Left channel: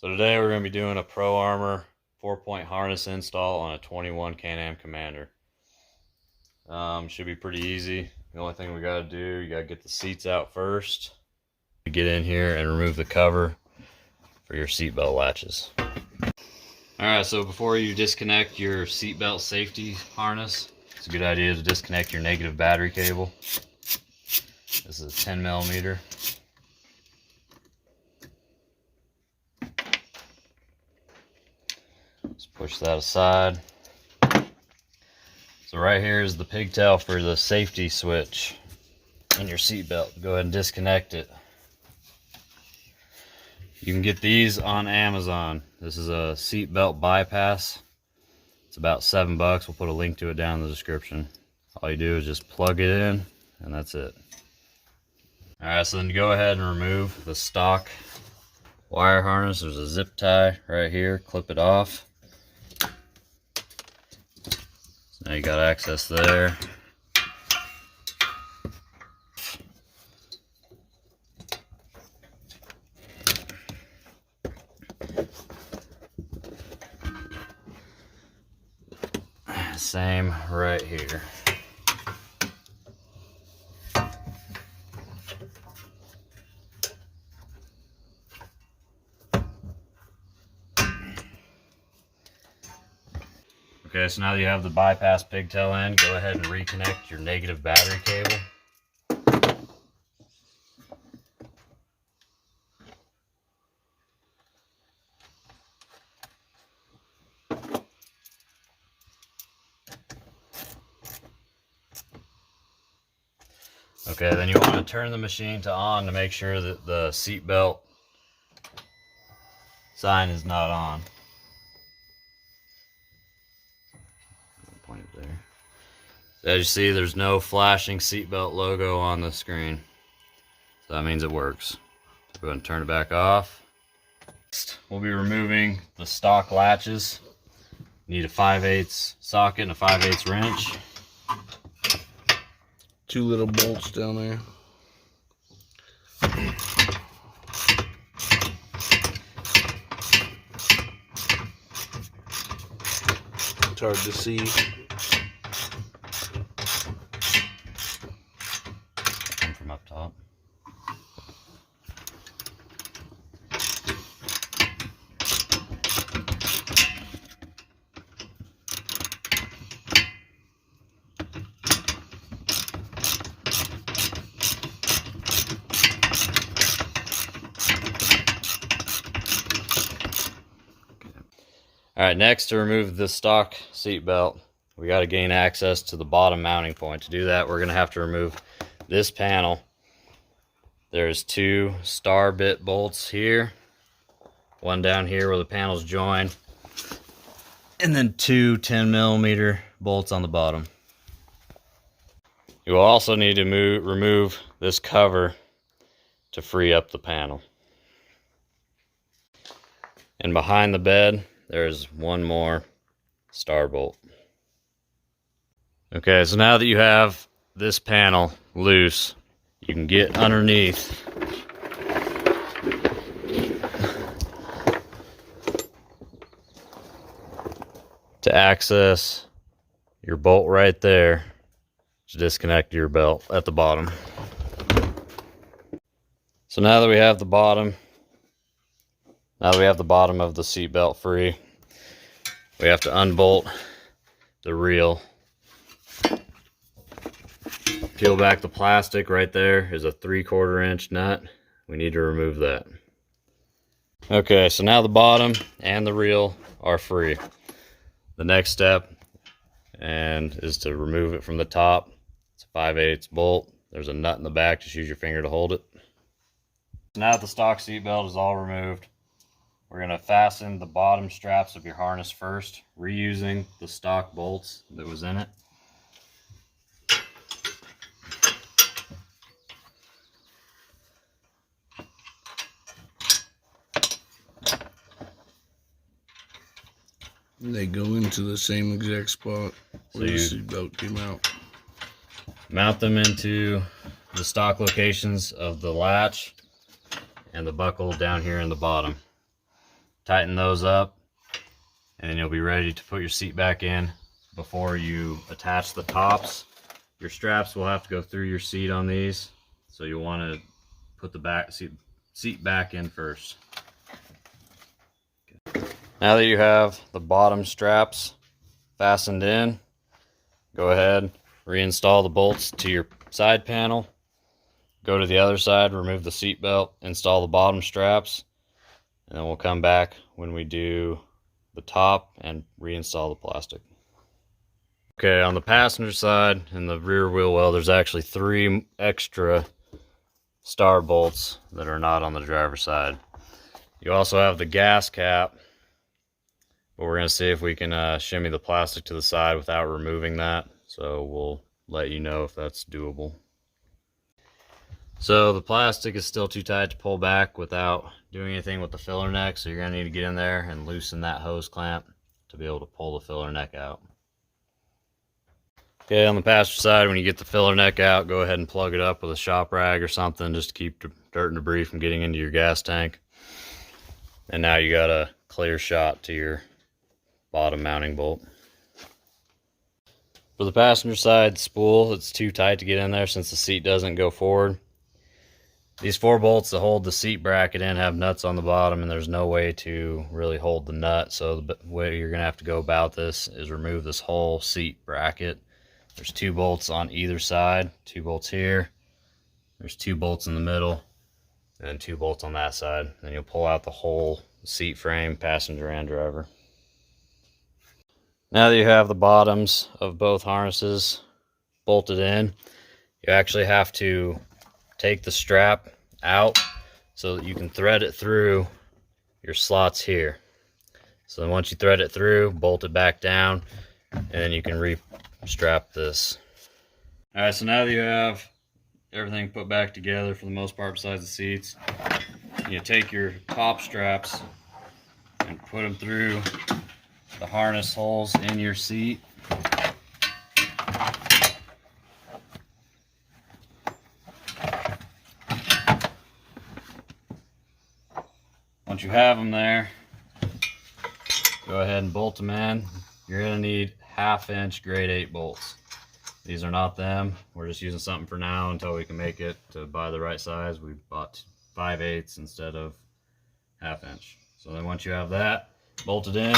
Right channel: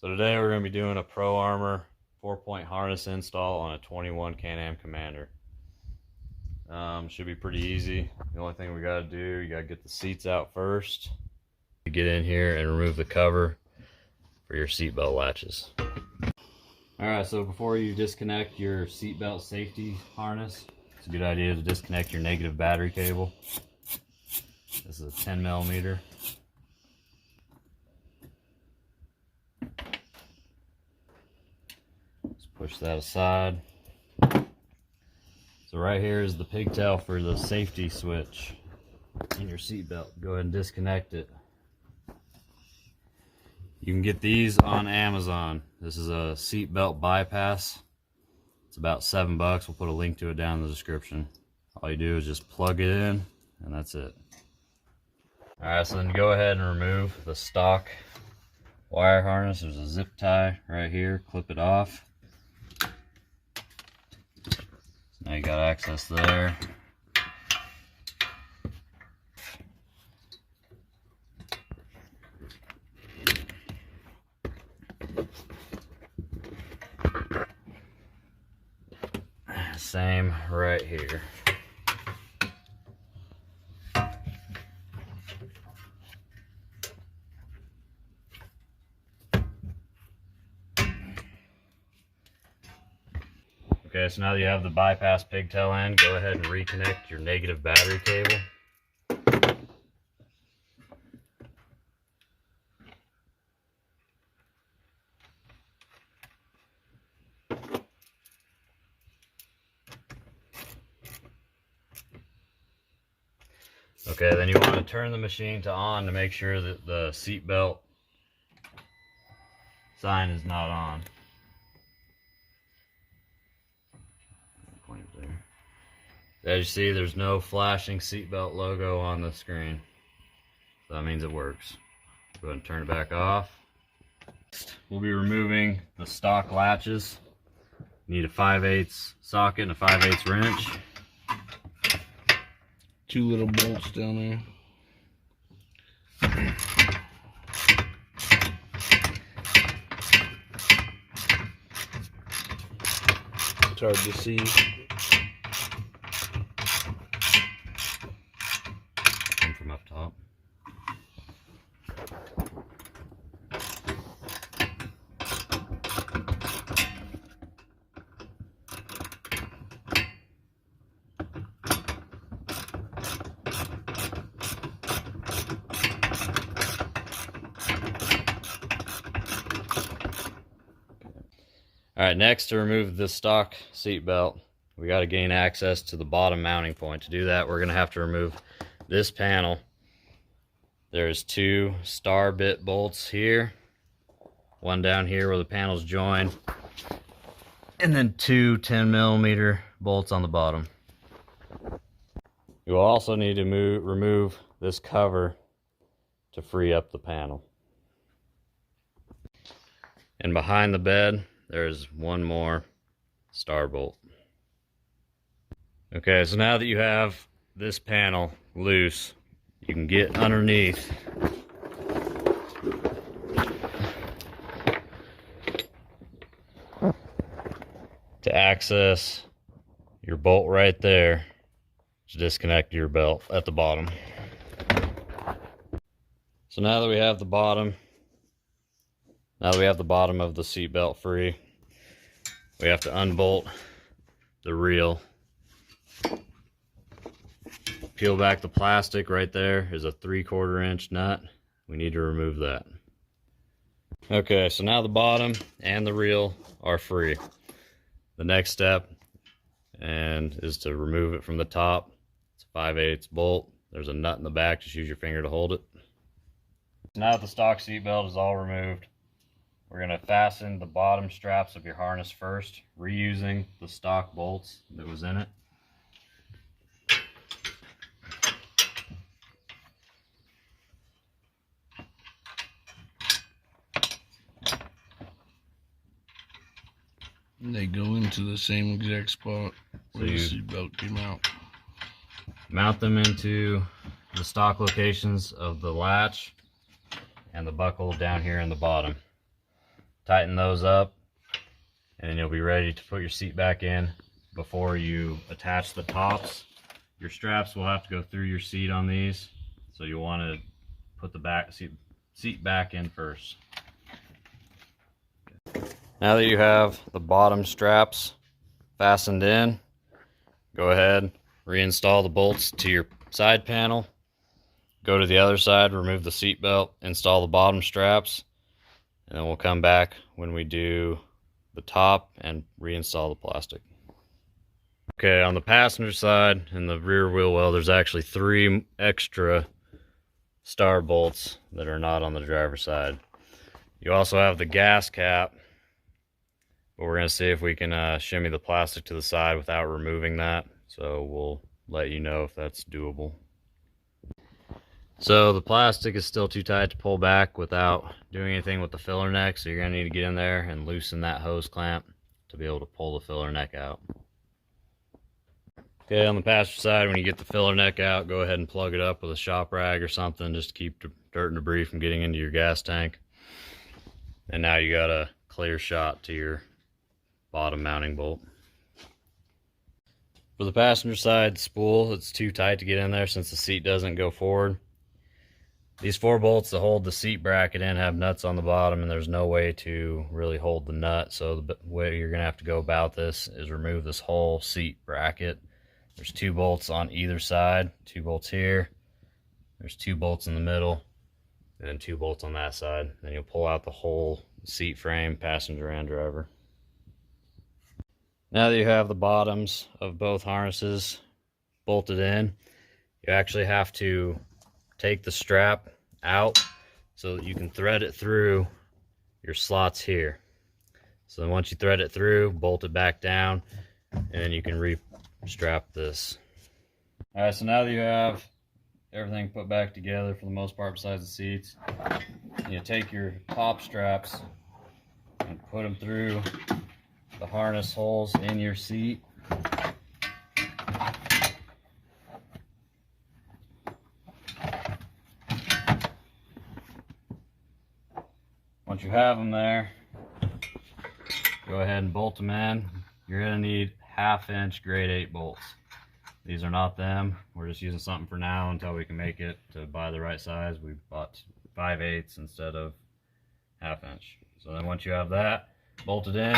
So today we're going to be doing a Pro Armor 4-point harness install on a 21 Can-Am Commander. Should be pretty easy. The only thing we got to do, you got to get the seats out first. Get in here and remove the cover for your seatbelt latches. Alright, so before you disconnect your seatbelt safety harness, it's a good idea to disconnect your negative battery cable. This is a 10 millimeter. Just push that aside. So right here is the pigtail for the safety switch in your seatbelt. Go ahead and disconnect it. You can get these on Amazon. This is a seatbelt bypass. It's about $7. We'll put a link to it down in the description. All you do is just plug it in, and that's it. Alright, so then go ahead and remove the stock wire harness. There's a zip tie right here. Clip it off. So now you got access there. Same right here. Okay, so now that you have the bypass pigtail in, go ahead and reconnect your negative battery cable. Okay, then you want to turn the machine to on to make sure that the seatbelt sign is not on. Point it there. So as you see, there's no flashing seatbelt logo on the screen. So that means it works. Go ahead and turn it back off. Next, we'll be removing the stock latches. You need a 5/8 socket and a 5/8 wrench. Two little bolts down there. It's hard to see. Come from up top. Alright, next, to remove the stock seat belt, we got to gain access to the bottom mounting point. To do that, we're going to have to remove this panel. There's two star bit bolts here, one down here where the panels join, and then two 10 millimeter bolts on the bottom. You will also need to remove this cover to free up the panel. And behind the bed, there's one more star bolt. Okay, so now that you have this panel loose, you can get underneath to access your bolt right there to disconnect your belt at the bottom. So now that we have the bottom of the seat belt free, we have to unbolt the reel. Peel back the plastic. Right there is a 3/4 inch nut. We need to remove that. Okay, so now the bottom and the reel are free. The next step is to remove it from the top. It's a 5/8 bolt. There's a nut in the back. Just use your finger to hold it. Now that the stock seat belt is all removed, we're going to fasten the bottom straps of your harness first, reusing the stock bolts that was in it. They go into the same exact spot where the seatbelt came out. Mount them into the stock locations of the latch and the buckle down here in the bottom. tighten those up, and then you'll be ready to put your seat back in. Before you attach the tops, your straps will have to go through your seat on these, so you'll want to put the seat back in first. Now that you have the bottom straps fastened in, go ahead, reinstall the bolts to your side panel. Go to the other side, remove the seat belt, install the bottom straps, and then we'll come back when we do the top and reinstall the plastic. Okay, on the passenger side and the rear wheel well, there's actually 3 extra star bolts that are not on the driver's side. You also have the gas cap, but we're going to see if we can shimmy the plastic to the side without removing that. So we'll let you know if that's doable. So the plastic is still too tight to pull back without doing anything with the filler neck. So you're going to need to get in there and loosen that hose clamp to be able to pull the filler neck out. Okay, on the passenger side, when you get the filler neck out, go ahead and plug it up with a shop rag or something just to keep dirt and debris from getting into your gas tank. And now you got a clear shot to your bottom mounting bolt. For the passenger side spool, it's too tight to get in there since the seat doesn't go forward. These 4 bolts that hold the seat bracket in have nuts on the bottom, and there's no way to really hold the nut. So the way you're going to have to go about this is remove this whole seat bracket. There's 2 bolts on either side, 2 bolts here. There's 2 bolts in the middle, and then 2 bolts on that side. Then you'll pull out the whole seat frame, passenger and driver. Now that you have the bottoms of both harnesses bolted in, you actually have to take the strap out so that you can thread it through your slots here. So then once you thread it through, bolt it back down, and then you can re-strap this. All right, so now that you have everything put back together for the most part besides the seats, you take your top straps and put them through the harness holes in your seat. Once you have them there, go ahead and bolt them in. You're going to need 1/2 inch grade 8 bolts. These are not them. We're just using something for now until we can make it to buy the right size. We bought 5/8 instead of 1/2 inch. So then once you have that bolted in,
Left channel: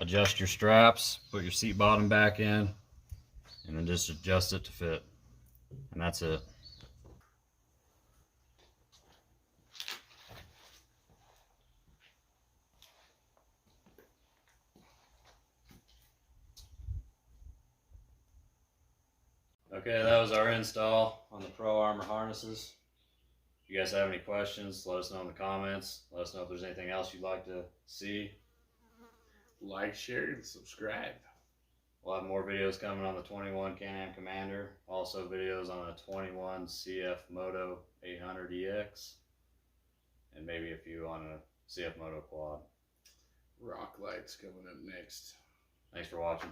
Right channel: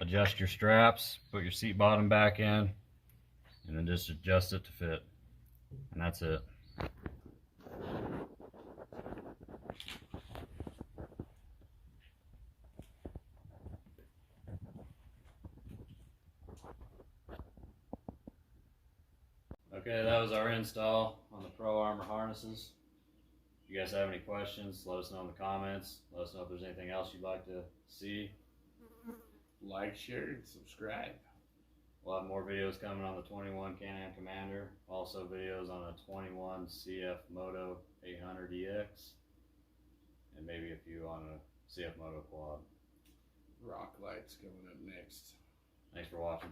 adjust your straps, put your seat bottom back in, and then just adjust it to fit. And that's it. Okay, that was our install on the Pro Armor harnesses. If you guys have any questions, let us know in the comments. Let us know if there's anything else you'd like to see. Like, share, and subscribe. We'll have more videos coming on the 21 Can-Am Commander. Also videos on the 21 CF Moto 800EX. And maybe a few on a CF Moto Quad. Rock lights coming up next. Thanks for watching.